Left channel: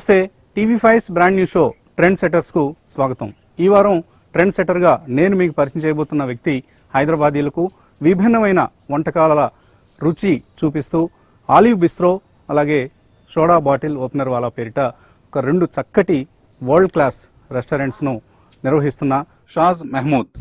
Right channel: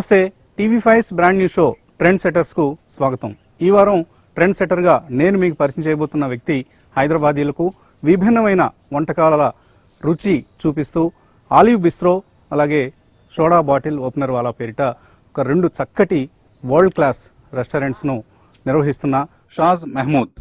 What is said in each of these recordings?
నమస్తే TV5 brand new show trend setters కు స్వాగతం. ఈ వారం ట్రెండ్ సెటర్ గా నేను మీకు పరిచయం చేయబోతున్న వ్యక్తి హైదరాబాదీలకు విభిన్నమైన వంటకాల రుచి చూపిస్తూ ఆలివ్ బిస్ట్రో అలాగే సోడా బాటిల్ ఓపెనర్ వాలా పేరిట ఒక రెండు చక్కటి వరల్డ్ క్లాస్ రెస్టారెంట్స్ ను నిర్వహిస్తున్న షాజ్ మహమూద్.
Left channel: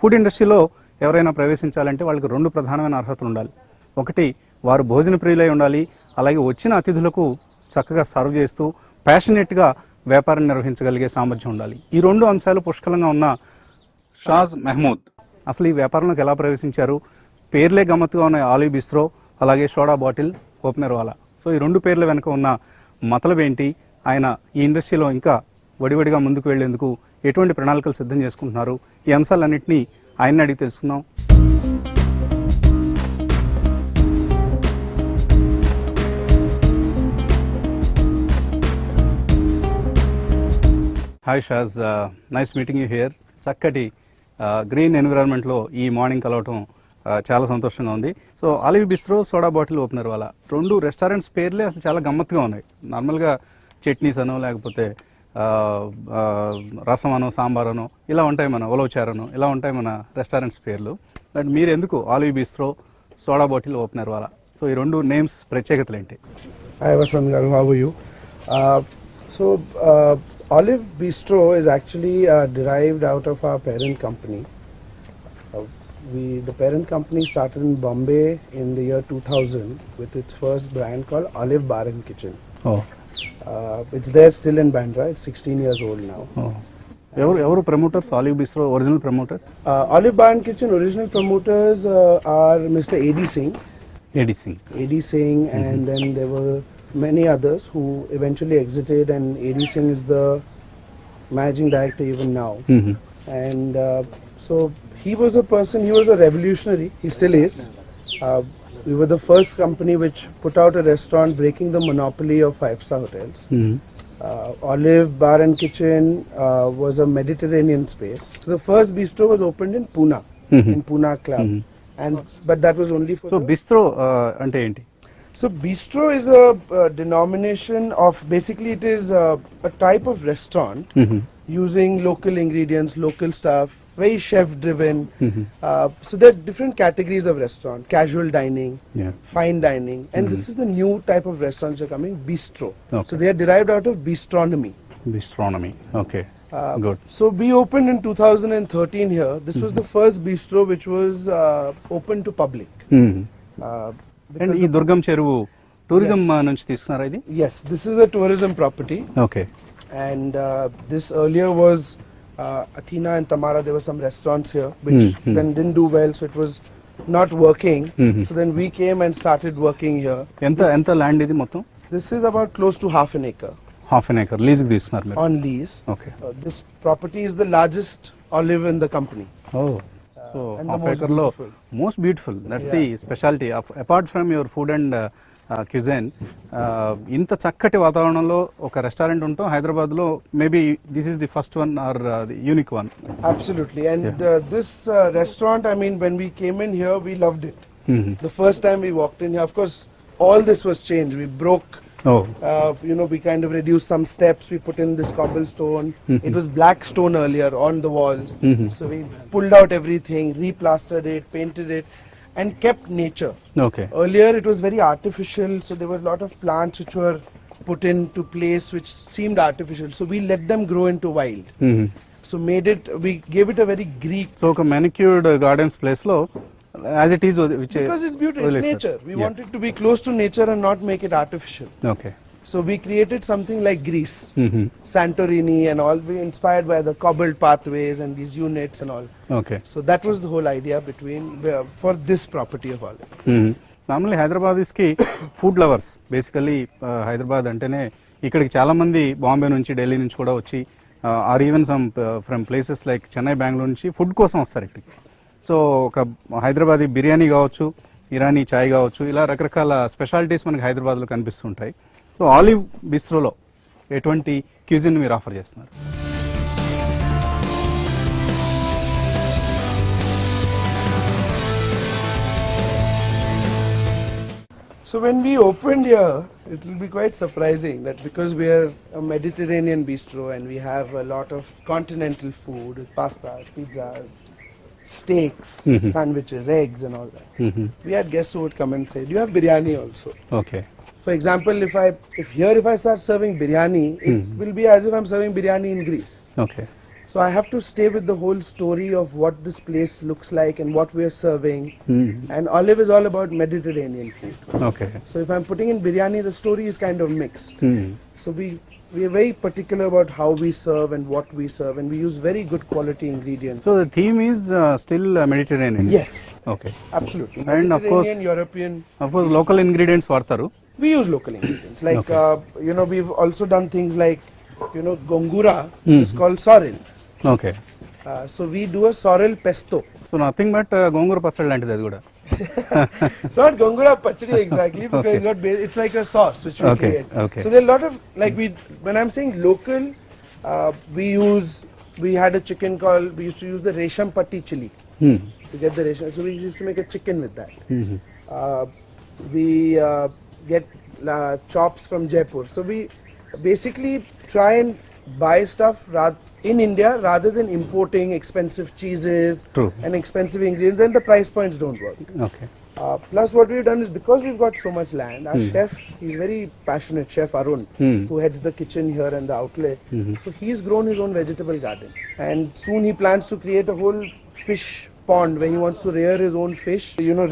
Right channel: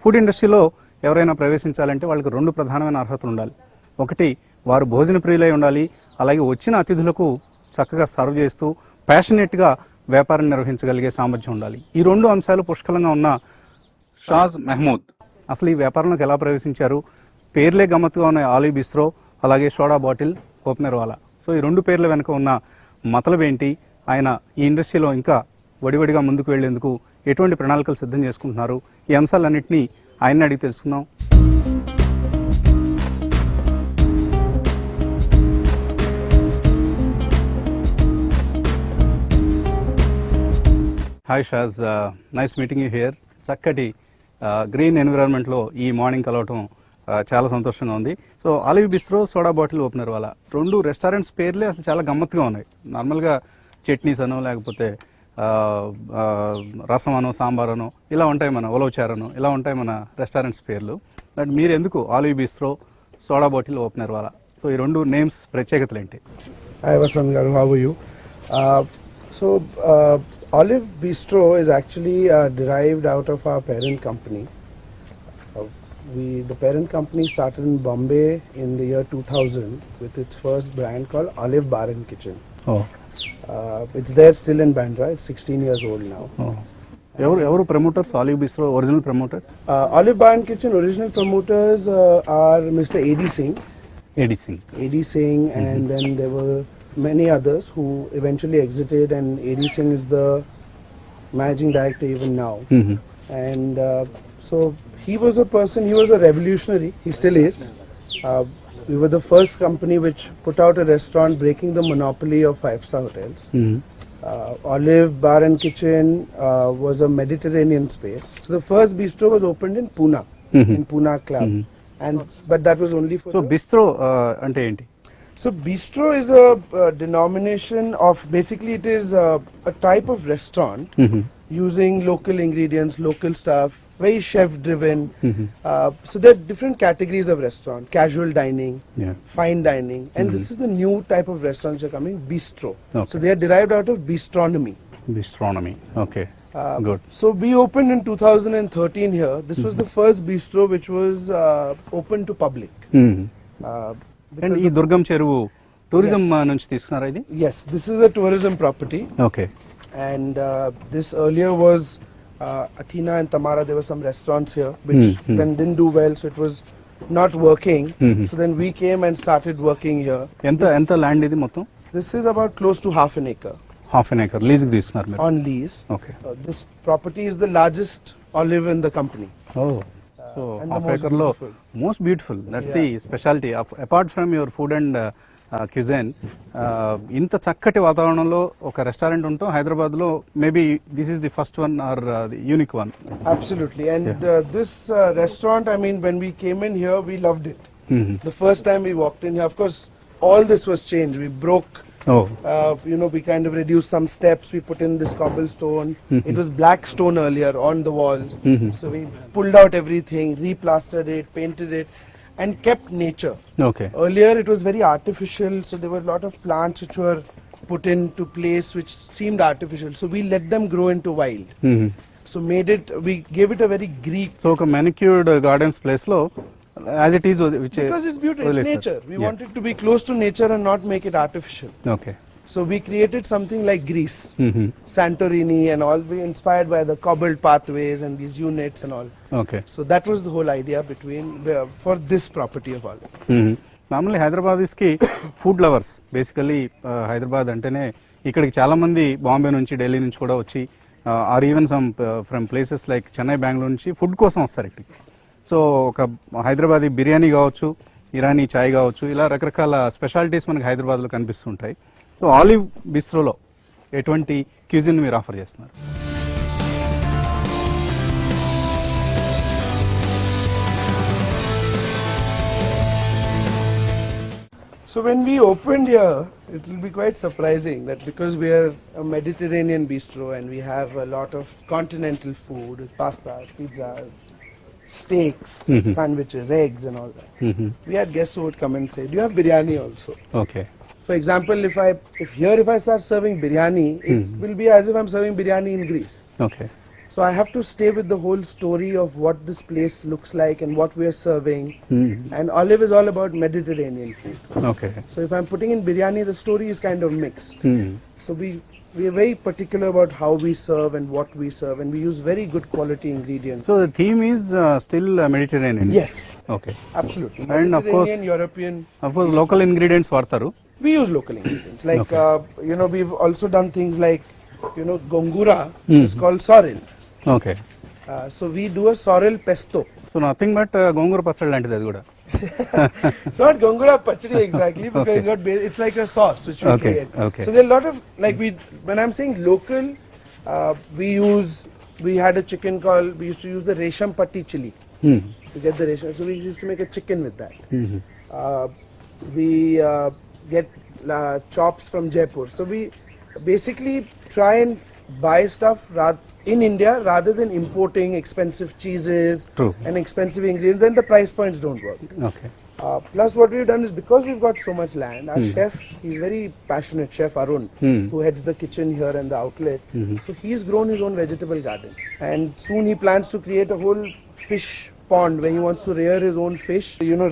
ఫుడ్ ఇండస్ట్రీలో ఎవరైనా ప్రవేశించాలంటే వాళ్ళకి రెండు ప్రధానమైన అర్హతలు ఉండాలి. ఒకటి, వారు భోజన ప్రియులై ఉండాలి. అలాగే వచ్చిన అతిథులకు చక్కగా సర్వ్ చేస్తూ ప్యాషనేట్గా వ్యాపారం నిర్వహించగలిగే సామర్థ్యం ఉండాలి. ఈ రెండు అంశాలు పుష్కలంగా ఉన్న షాజ్ మహమూద్ అసలు ఈ వ్యాపారంలోకి ఎలా ప్రవేశించారు? పేర్లే గమ్మత్తుగా ఉన్న ఆలివ్ బిస్ట్రో అలాగే soda bottle opener wala. So ఈ రెండు పేర్ల వెనుక ఉన్న మతలబ్ ఏంటి? ఆయన ఈ ఇండస్ట్రీలో ఇంకా వడివడిగా ముందుకు వెళ్లేందుకు ఎటువంటి ప్రణాళికలు సిద్ధం చేసుకుంటున్నారు? ఈ అంశాలన్నింటినీ ఆయన అడిగి తెలుసుకుందాం. Hi Shaz, nice meeting you here. చక్కటి గ్రీన్ ఎన్విరాన్మెంట్ లో ఈ మార్నింగ్ కలవటం చాలా సంతోషంగా ఉంది. So Olive Bistro, soda bottle opener wala రెండు రెస్టారెంట్స్ పేర్లే అసలు చాలా గమ్మత్తుగా ఉన్నాయి. నార్మల్గా చట్నీస్ అనో లేకపోతే రసం అను, సాంబార్ అను ఇలా ఉంటాయి, మన ఉలవచారను ఇలా ఉంటాయి మన రెస్టారెంట్స్ పేర్లు. అండ్ మీరు ఎందుకు Olive Bistro, soda bottle opener wala? So ఈ రెండు నేమ్స్ ప్రత్యేకతలు ఏంటి? Olive Bistro is actually derived out of our parent company. The parent company started in Bombay in the year 2000 with its first brand called Olive Bar and Kitchen. Oh. It's there still in Bandra. It's 16 years old now. Oh. Evaru promoters, Olive Bistro original promoters? Olive Bar and Kitchen original promoters are Mr. A.D. Singh. A.D. Singh, and then there were many others who eventually exited, and A.D. Singh is the managing director even now. Mm-hmm. And so he was a person, he was a revolutionary, he still is. We were the first company which put out a restaurant breaking the monopoly of 5-star hotels. Mm-hmm. Olive Bar and Kitchen was a Mediterranean space. So the first bistro was opened in Pune, Mm-hmm. in Pune Club. Mm-hmm. But that was only for... So bistro ante enti? So bistro is a denomination of, basically it is a type of restaurant Mm-hmm. using local ingredients, local stuff, very chef driven. Mm-hmm. So there are different categories of restaurant: casual dining, Yeah. fine dining, and this is the new type of restaurants that are coming, bistro. Okay. So they are derived out of bistronomy. Bistronomy. Okay. Good. So we opened in 2013 here. This was the first bistro which was open to public. Mm-hmm. And ఈ దుర్గం చెరువు tourism నుంచి తీసుకున్నారా ఇది? Yes, this is a tourism property. Okay. And this earlier was Athena and Tamara. There were some restaurants here which then didn't do well, so it was not working. Mm-hmm. So then we came and started working here. ఎంత land ఇది మొత్తం? This is about close to half an acre half an acre lease తీసుకున్నారు మీరు? on lease. Okay. This property is the largest olive in the company. So And half the most acre లో beautiful. Most beautiful, that's the speciality of apart from your food and cuisine. ఇంత చక్కటి వాతావరణంలో ఒక restaurant ఉంటాం హైదరాబాద్ లో. Maybe this is the first one or unique one. Absolutely. And this restaurant, I mean, when we came in here, we loved it. The first time we walked in here, of course, all this was changed. We broke. We kind of reduced some steps. We put in this cobblestone. It was black stone earlier on the walls. So we pulled out everything, replastered it, painted it, and kept nature. Okay. Earlier it was very artificial, so there were a lot of plants which were put into place which seemed artificial. So we let them grow into wild. So we gave it a very Greek. So ఒక మ్యానిక్యూర్డ్ gardens place లో as it is Because it's beautiful, it's nature. We wanted to be close to nature and not make it artificial. Okay. So we created something like Greece, Santorini and all, we inspired by the cobbled pathways and these units and all. Okay. So that was the whole idea for this property of all. Normally Hyderabadis కి food lovers basically. Hyderabad అంటేనే ఇక్కడికి చాలా మంది బాంబే నుంచి, ఢిల్లీ నుంచి కూడా వచ్చి, are even some from places like Chennai, Bengaluru నుంచి ఫుడ్ కోసం వస్తారు ఇక్కడికి. సో ఒక హైదరాబాదీ బిర్యానీ కావచ్చు, ఇరానీ చాయ్ కావచ్చు, ఇలా రకరకాల స్పెషాలిటీస్ మనకి హైదరాబాద్లో కనిపిస్తుంటాయి. సో ఆలివ్ బిస్ట్రోలో ఎటువంటి క్యూజిన్ మీరు ఆఫర్ చేస్తున్నారు? So when we opened here, it will be quite surprising that because we are a Mediterranean bistro and we have a lot of continental food, with pastas, pizzas, steaks, Mhm. sandwiches, eggs and all that. Mhm. We had guests who would come and say, you have biryani also. Okay. For example, if I start serving biryani, it Mhm. will be as if I'm serving biryani in Greece. Okay. So I have to stay with the whole story of what this place looks like and what we are serving. Mhm. And Olive is all about Mediterranean food. Okay. So if I'm putting in biryani, the story is kind of mixed. Mhm. So we are very particular about how we serve and what we serve, and we use very good quality ingredients. So the theme is still Mediterranean. Yes, Okay. absolutely. And of course- Mediterranean, European. Of course, local ingredients వాడతారు. We use local ingredients. Like Okay. we've also done things like gongura. Mm. It's called sorrel. Okay. So we do a sorrel pesto. So nothing but gongura pachadi లాంటిది అది కూడా. It's not gongura pachadi exactly, because Okay. it's like a sauce which we Okay, create. okay. So there are a lot of when I'm saying local, we had a chicken we used to use the resham patti chili Hmm. to get the resham. So we used to make a chicken with that. Mhm. We get chops from Jaipur. So we basically try and buy stuff in India rather than importing expensive cheeses True. and expensive ingredients. Then the price points don't work. Okay. Plus what we've done is, because we've got so much land, our Hmm. chef, he's very passionate, Chef Arun, Hmm. who heads the kitchen here and the outlet. Mhm. So he's grown his own vegetable garden, and soon he plans to create a whole fish pond where he wants to rear his own fish.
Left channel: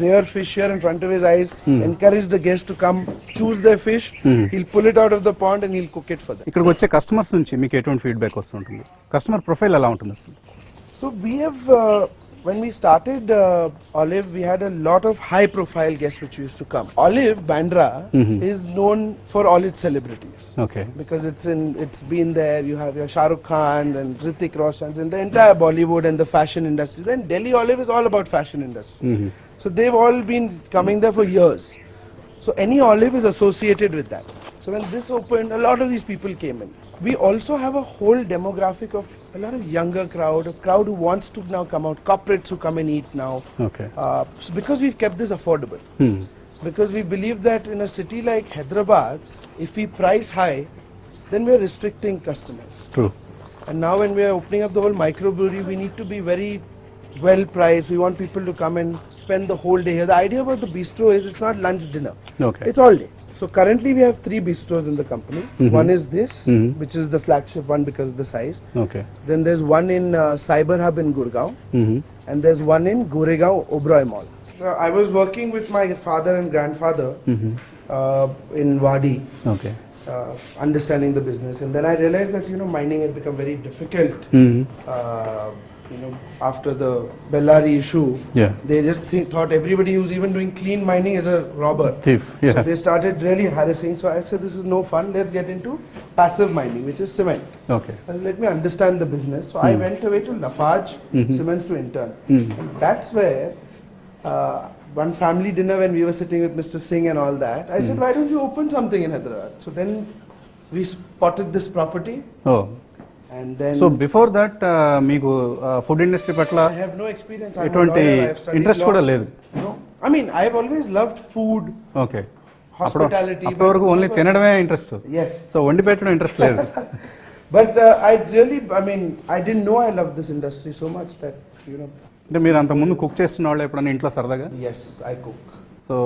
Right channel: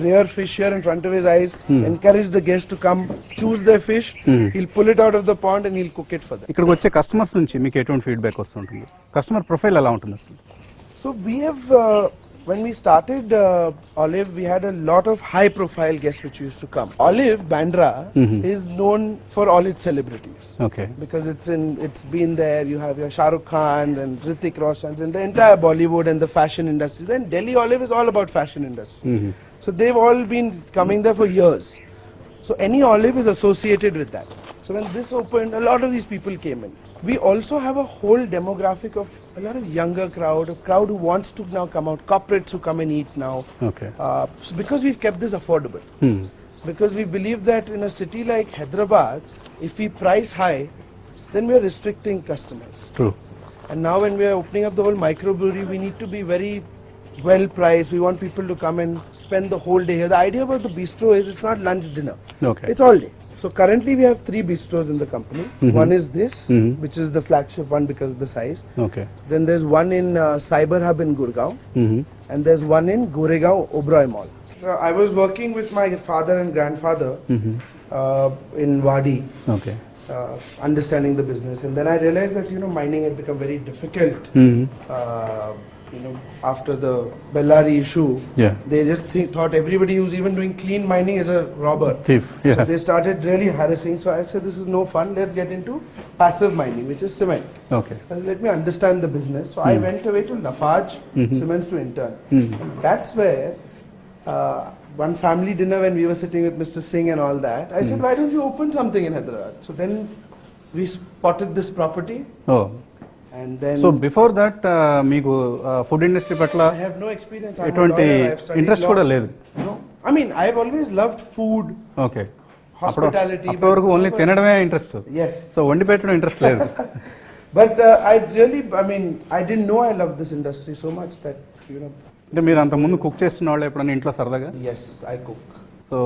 Rear fish here in front of his eyes, Hmm. encourage the guests to come choose their fish. Hmm. He'll pull it out of the pond and he'll cook it for them. ఇక్కడికి వచ్చే customers నుంచి మీకు ఎటువంటి feedback వస్తుంటుంది? Customer profile ఎలా ఉంటుంది అసలు? So we have, when we started Olive, we had a lot of high-profile guests which used to come. Olive Bandra Mhm. is known for all its celebrities Okay. because it's been there. You have your Shah Rukh Khan and Hrithik Roshan and the entire Bollywood and the fashion industry. Then Delhi Olive is all about fashion industry. Mhm. So they've all been coming there for years. So any olive is associated with that. So when this opened, a lot of these people came in. We also have a whole demographic of a lot of younger crowd, a crowd who wants to now come out, corporates who come and eat now. Okay. So because we've kept this affordable, Hmm. because we believe that in a city like Hyderabad, if we price high, then we're restricting customers. True. And now when we're opening up the whole microbrewery, we need to be very well priced. We want people to come and spend the whole day here. The idea about the bistro is it's not lunch, dinner. Okay. It's all day. So currently we have 3 bistros in the company. Mhm. One is this, Mhm. which is the flagship one because of the size. Okay. Then there's one in Cyber Hub in Gurgaon, Mhm. and there's one in Goregaon Oberoi Mall. I was working with my father and grandfather Mhm. in Wadi, Okay. understanding the business, and then I realized that mining had become very difficult. Mhm. After the Bellary issue, Yeah. they just thought everybody who's even doing clean mining is a robber. Thief. So Yeah. they started really harassing. So I said, this is no fun. Let's get into passive mining, which is cement. Okay. And let me understand the business. So I Hmm. went away to Lafarge Mhm. Cements to intern. Mhm. That's where one family dinner when we were sitting with Mr. Singh and all that, I said, why don't you open something in Hyderabad? So then we spotted this property, Oh. and then so before that మీకు food industry పట్ల I have no experience. I'm a ఎటువంటి lawyer, I've studied interest law. కూడా లేదు? No. I mean, I've always loved food, okay. hospitality. అప్పటి వరకు only తినడమే interest. Yes. So వండి పెట్టడం ఇంట్రెస్ట్ లేదు. But I didn't know I loved this industry so much that, అంటే మీరు అంత ముందు కుక్ చేస్తున్నవాళ్ళు ఎప్పుడైనా ఇంట్లో సరదాగా? yes, I cook. సో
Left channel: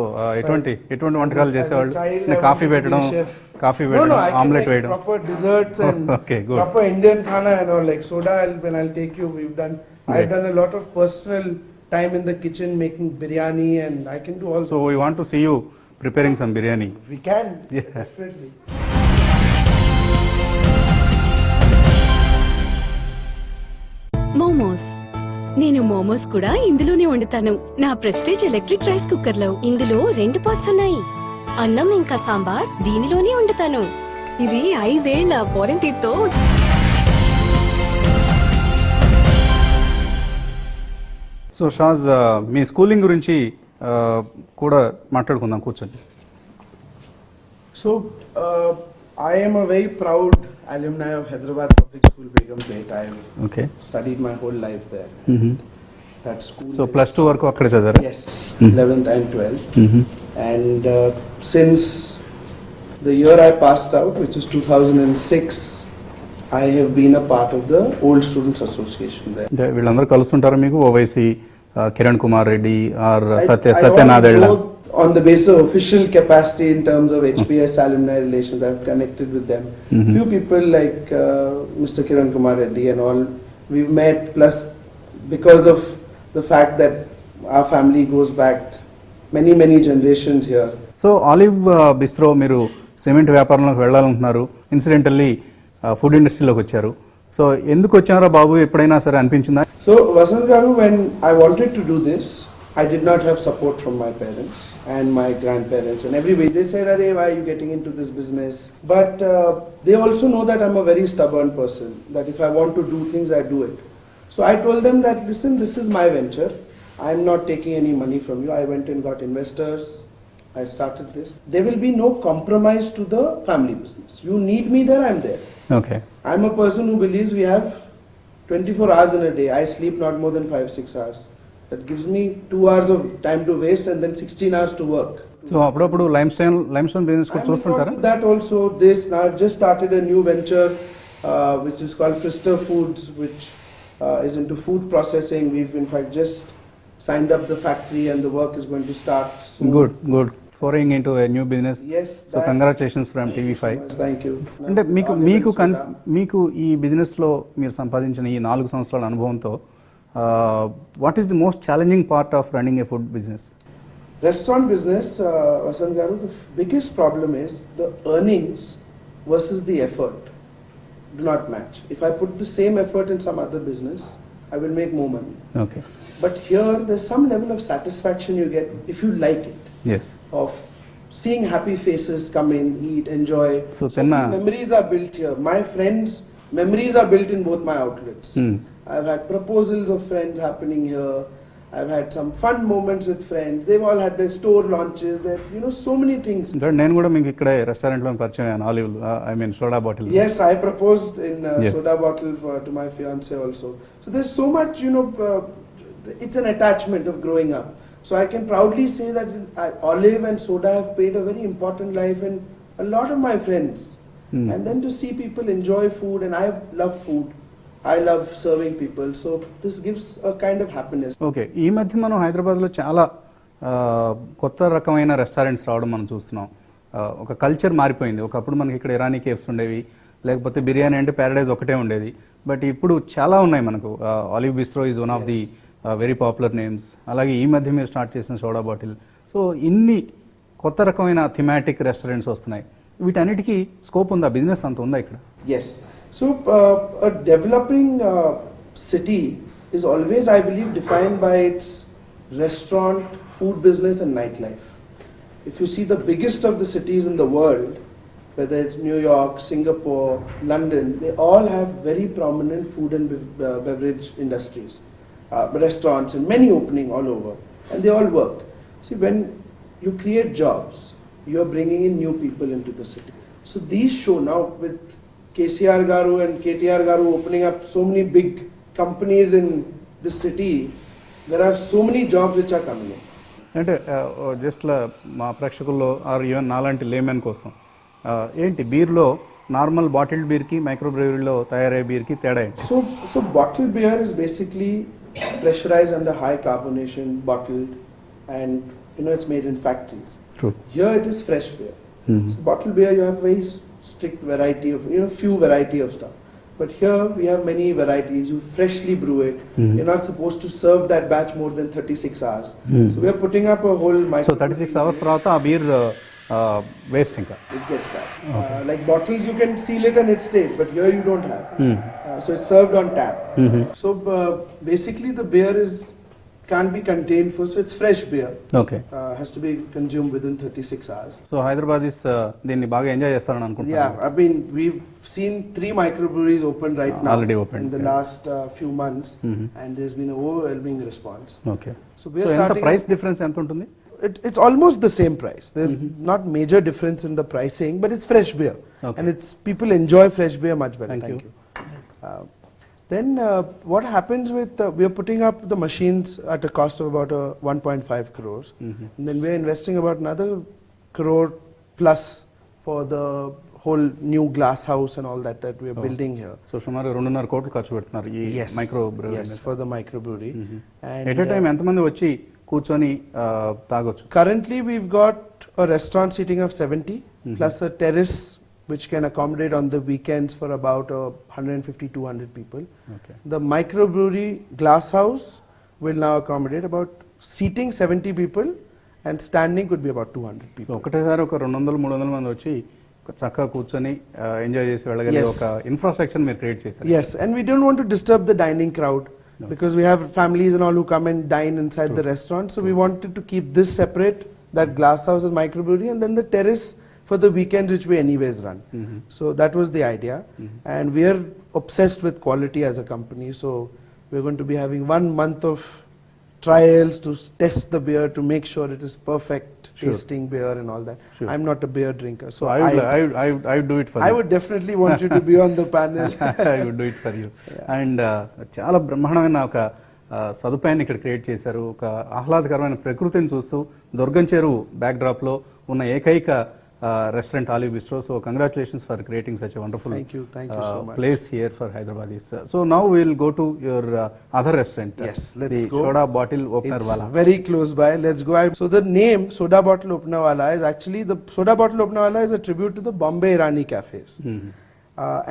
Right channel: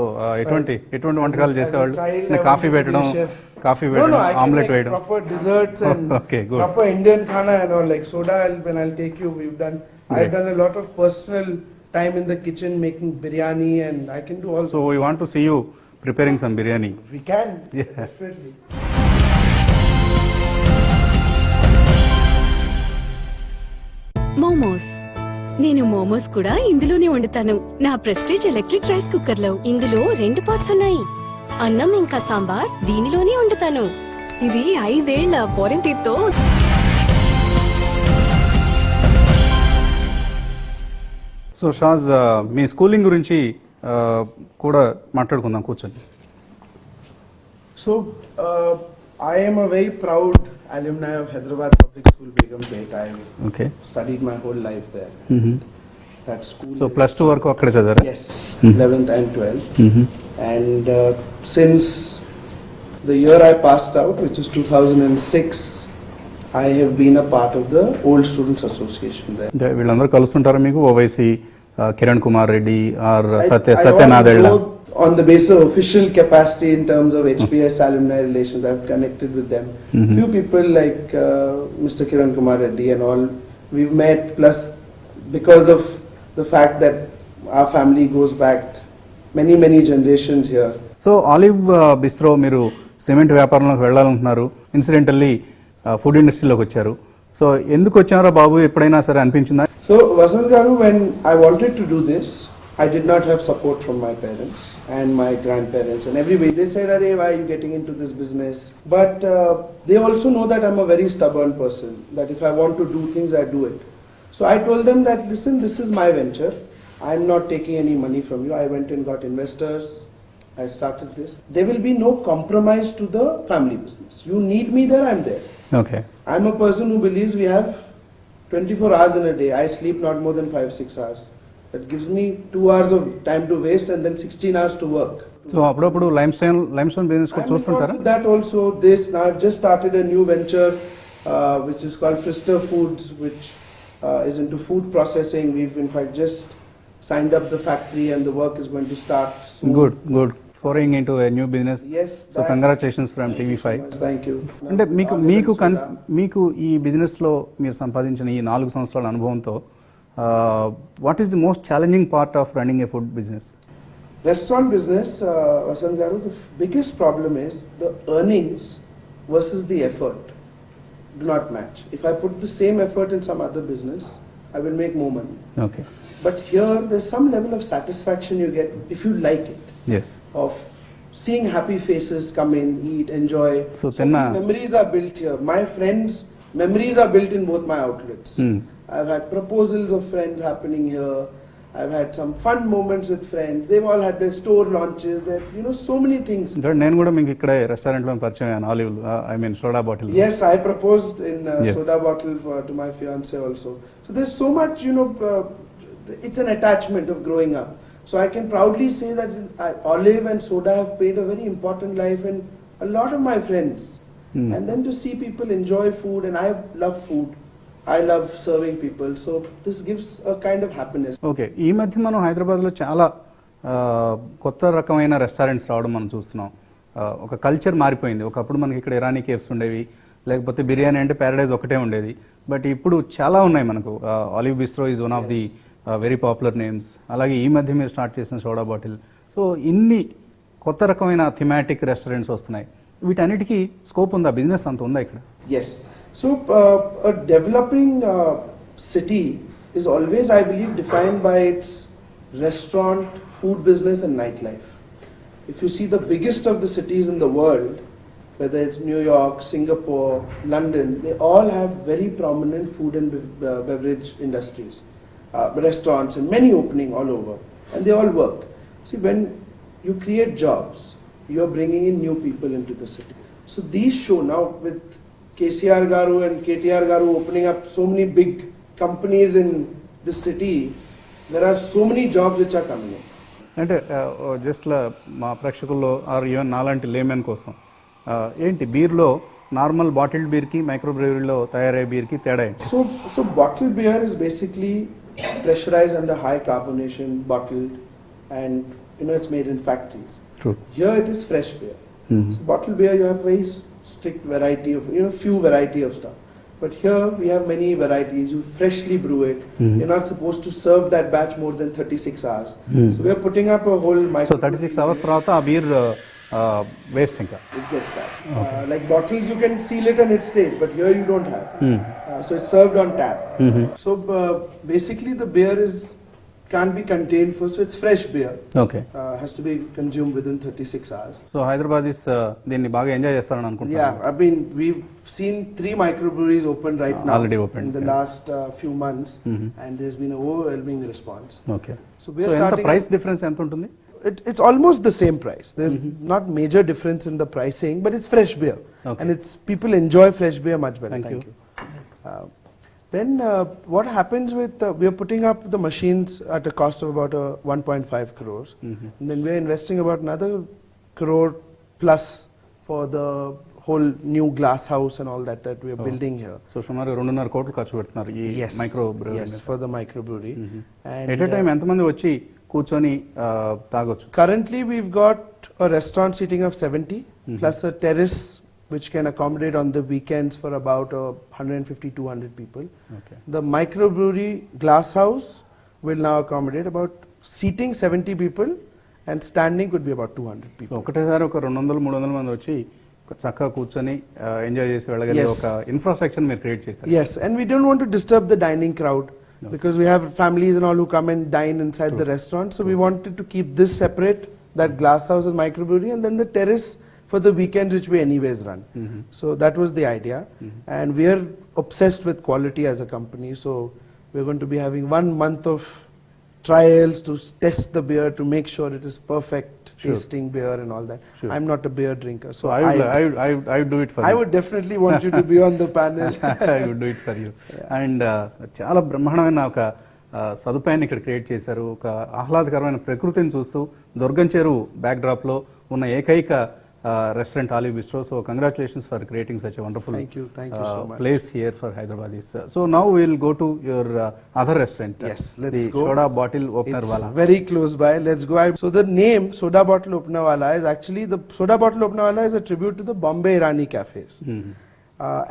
ఎటువంటి వంటకాలు చేసేవాళ్ళు? As a child, I coffee wanted to be పెట్టడం, chef. కాఫీ No, పెట్టడం, I can ఆమ్లెట్ make వేయడం. proper desserts and Okay, good. proper Indian khana and all, like soda. When I'll take you, I've Right. done a lot of personal time in the kitchen making biryani, and I can do also. So we want to see you preparing some biryani. We can, Yeah. definitely. Momos. నేను మోమోస్ కూడా ఇందులోనే వండుతాను. నా prestige electric rice cooker లో. ఇందులో 2 parts ఉన్నాయి. అన్నం ఇంకా సాంబార్ దీనిలోనే వండుతాను. ఇది 5 ఏళ్ల వారంటీతో. సో షాజ్, మీ స్కూలింగ్ గురించి కూడా మాట్లాడుకుందాం కూర్చొని. So, I am a very proud alumni of Hyderabad Public School, Begum Gate. I okay. studied my whole life there. that school. So +2 వరకు అక్కడే చదివారు. Yes, 11th and 12th. And since the year I passed out, which is 2006, I have been a part of the Old Students Association there. వీళ్ళందరూ కలుస్తుంటారు మీకు, Owaisi Kiran Kumar Reddy are I Satyanath don't Reddy? know on the basis of official capacity in terms of HPS alumni relations, I've connected with them. Few people like Mr. Kiran Kumar Reddy and all, we've met, plus because of the fact that our family goes back many generations here. So Olive bistro మీరు cement వ్యాపారంలోకి వెళ్ళాలనుకుంటున్నారు, incidentally food ఇండస్ట్రీలోకి వచ్చారు. So ఎందుకు వచ్చారో బాబు ఎప్పుడైనా సరే అనిపించిందా? So Vasant Garu, when I wanted to do this, I did not have support from my parents and my grandparents and everybody. They said, "Arey, why are you getting into this business?" But they also know that I'm a very stubborn person, that if I want to do things, I do it. So I told them that, listen, this is my venture. I'm not taking any money from you. I went and got investors. I started this. There will be no compromise to the family business. You need me there, I'm there. Okay. I'm a person who believes we have 24 hours in a day. I sleep not more than 5-6 hours. That gives me 2 hours of time to waste and then 16 hours to work. So అప్పుడప్పుడు lime stone business కూడా చూస్తుంటారా? That also, I've just started a new venture which is called Frister Foods, which is into food processing. We've in fact just signed up the factory and the work is going to start soon. Good foraying into a new business. Yes. So congratulations from TV5. Thank you. అంటే మీకు ఈ business లో మీరు సంపాదించిన ఈ 4 సంవత్సరాల అనుభవంతో what is the most challenging part of running a food business? Restaurant business, Vasant Garu, the biggest problem is the earnings versus the effort do not match. If I put the same effort in some other business, I will make more money. Okay. But here, there's some level of satisfaction you get if you like it, yes. of seeing happy faces come in, eat, enjoy. So So then, memories are built here. My friends' memories are built in both my outlets. I've had proposals of friends happening here. I've had some fun moments with friends. They've all had their store launches. So many things. నేను కూడా మీకు ఇక్కడ restaurant లో పరిచయం అయ్యాను, olive I mean soda bottle. Yes, I proposed in Yes. soda bottle to my fiance also. So there's so much, it's an attachment of growing up. So I can proudly say that olive and soda have played a very important life in a lot of my friends. And then to see people enjoy food, and I love food. I love serving people, so this gives a kind of happiness. Okay. ఈ మధ్య మనం హైదరాబాద్లో చాలా కొత్త రకమైన restaurants రావడం మనం చూస్తున్నాం. ఒక కల్చర్ మారిపోయింది. ఒకప్పుడు మనకి ఇక్కడ ఇరానీ కేఫ్స్ ఉండేవి, లేకపోతే బిర్యానీ అంటే ప్యారడైజ్ ఒకటే ఉండేది. బట్ ఇప్పుడు చాలా ఉన్నాయి మనకు. Olive bistro is one of the very popular names. అలాగే ఈ మధ్య మీరు స్టార్ట్ చేసిన సోడా బాటిల్. సో ఇన్ని కొత్త రకమైన థిమాటిక్ రెస్టారెంట్స్ వస్తున్నాయి. వీటన్నిటికీ స్కోప్ ఉందా? బిజినెస్ అంత ఉందా ఇక్కడ? Yes. So a developing city is always, I believe, defined by its restaurant, food business and nightlife. If you see the biggest of the cities in the world, whether it's New York, Singapore, London, they all have very prominent food and beverage industries, restaurants and many opening all over, and they all work. See, when you create jobs, you are bringing in new people into the city. So these show now with KCR Garu and KTR Garu opening up so many big companies in this city, there are so many jobs which are coming in. అంటే just మా ప్రేక్షకుల్లో are even నాలాంటి laymen కోసం ఏంటి బీర్లో normal bottled బీర్కి micro బ్రెవరీలో తయారయ్యే బీర్కి తేడా ఏంటి? So bottled beer is basically pressurized under high carbonation, bottled, and it's made in factories. True. Here it is fresh beer. So bottled beer, you have very strict variety of, few variety of stuff. But here we have many varieties. You freshly brew it. You're not supposed to serve that batch more than 36 hours. So we're putting up a whole so 36 hours తర్వాత ఆ beer waste ఇంకా. It gets that. Like bottles, you can seal it and it stays, but here you don't have. So it's served on tap. So basically the beer can't be contained for, so it's fresh beer. Okay. Has to be consumed within 36 hours. So Hyderabad దీన్ని బాగా enjoy చేస్తారని అనుకుంటున్నాను. Yeah, I mean, we've seen 3 microbreweries open right now. Already opened, in the yeah. last few months, and there's been overwhelming response. Okay. So so we're ఎంత starting. Price difference ఎంత ఉంటుంది? It's almost the same price. There's not major difference in the pricing, but it's fresh beer, Okay. and people enjoy fresh beer much better. Thank you. Then what happens with we are putting up the machines at a cost of about 1.5 crores, and then we are investing about another crore plus for the whole new glass house and all that we are building here. So సుమారు 2.5 కోట్లు ఖర్చు పెడుతున్నారు ఈ micro Yes, for the microbrewery. At a time ఎంతమంది వచ్చి కూర్చొని తాగొచ్చు? Currently we've got a restaurant seating of 70 plus a terrace which can accommodate on the weekends for about 150-200 people. Okay. The microbrewery glass house will now accommodate about seating 70 people and standing could be about 200 so people. ఒకటేసారి ఒక 200-300 మంది వచ్చి చక్కగా కూర్చొని enjoy చేసి వెళ్ళగలిగే Yes. ఒక infrastructure మీరు create చేశారు. Yes, and we don't want to disturb the dining crowd because we have families and all who come and dine inside the restaurant. So we wanted to keep this separate, that glass house and microbrewery, and then the terrace for the weekends which we anyways run. So that was the idea, and we are obsessed with quality as a company. So we're going to be having 1 month of trials to test the beer to make sure it is perfect tasting beer and all that. Sure. I'm not a beer drinker, so I would do it for I you. would definitely want you to be on the panel. I would do it for you. And చాలా బ్రహ్మాండమైన ఒక సదుపాయాన్ని ఇక్కడ create చేశారు. ఒక ఆహ్లాదకరమైన ప్రకృతిని చూస్తూ దుర్గం చెరువు బ్యాక్డ్రాప్ లో ఉన్న ఏకైక restaurant Olive Bistro. So congratulations for creating such a wonderful Thank you so much. place here for Hyderabadis. So now we will go to your other restaurant. Yes, the let's go. Soda Bottle It's Openerwala. very close by. Let's go ahead. So the name Soda Bottle Openerwala is actually the Soda Bottle Openerwala is a tribute to the Bombay Irani cafes,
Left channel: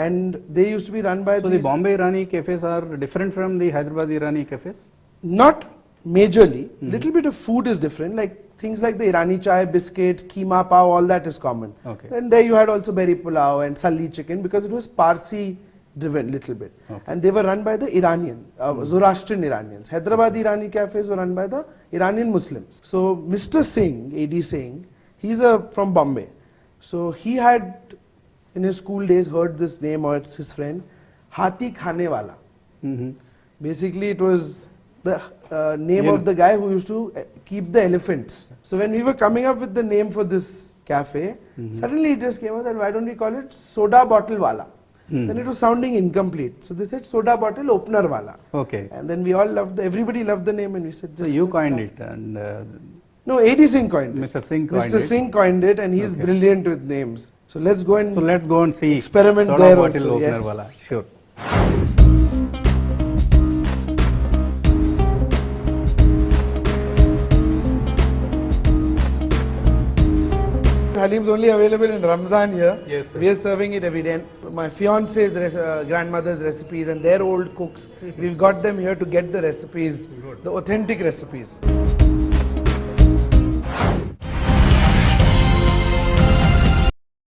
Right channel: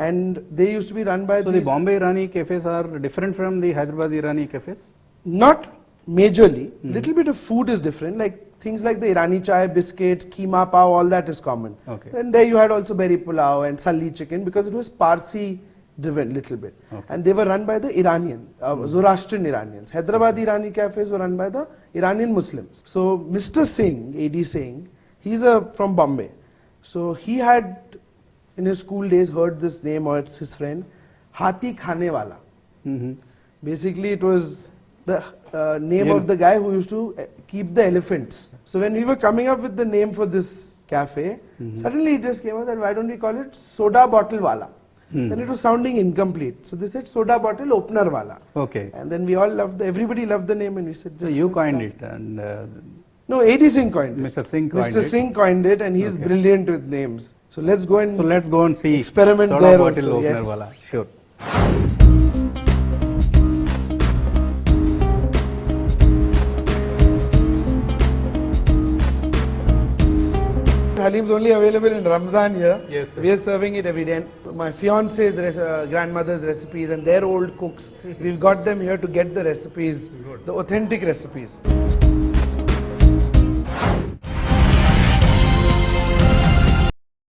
and they used to be run by. So the these- Bombay Irani cafes are different from the Hyderabad Irani cafes. Not majorly. Little bit of food is different. Like things like the Irani chai, biscuits, keema pav, all that is common. Okay. And there you had also berry pulao and salli chicken because it was Parsi driven little bit. Okay. And they were run by the Iranian, Zoroastrian Iranians. Hyderabad Irani cafes were run by the Iranian Muslims. So Mr. Singh, AD Singh, he's from Bombay. So he had in his school days heard this name or it's his friend, Hati Khane Wala. Basically it was the name of the guy who used to keep the elephants. So when we were coming up with the name for this cafe, suddenly it just came out that why don't we call it Soda Bottle Wala? Then it was sounding incomplete. So they said Soda Bottle Opener Wala. Okay. And then we all loved, everybody loved the name and we said So just... you coined it and No, AD Singh coined it. Mr. Singh coined Mr. it. Singh coined it and he's Okay. brilliant with names. So let's go and... So let's go and see Experiment Soda there Bottle also, yes. Openerwala. Sure. Halim is only available in Ramzan here. Yes, sir. We are serving it every day. And my fiance's grandmother's recipes and their old cooks, we've got them here to get the recipes, the authentic recipes.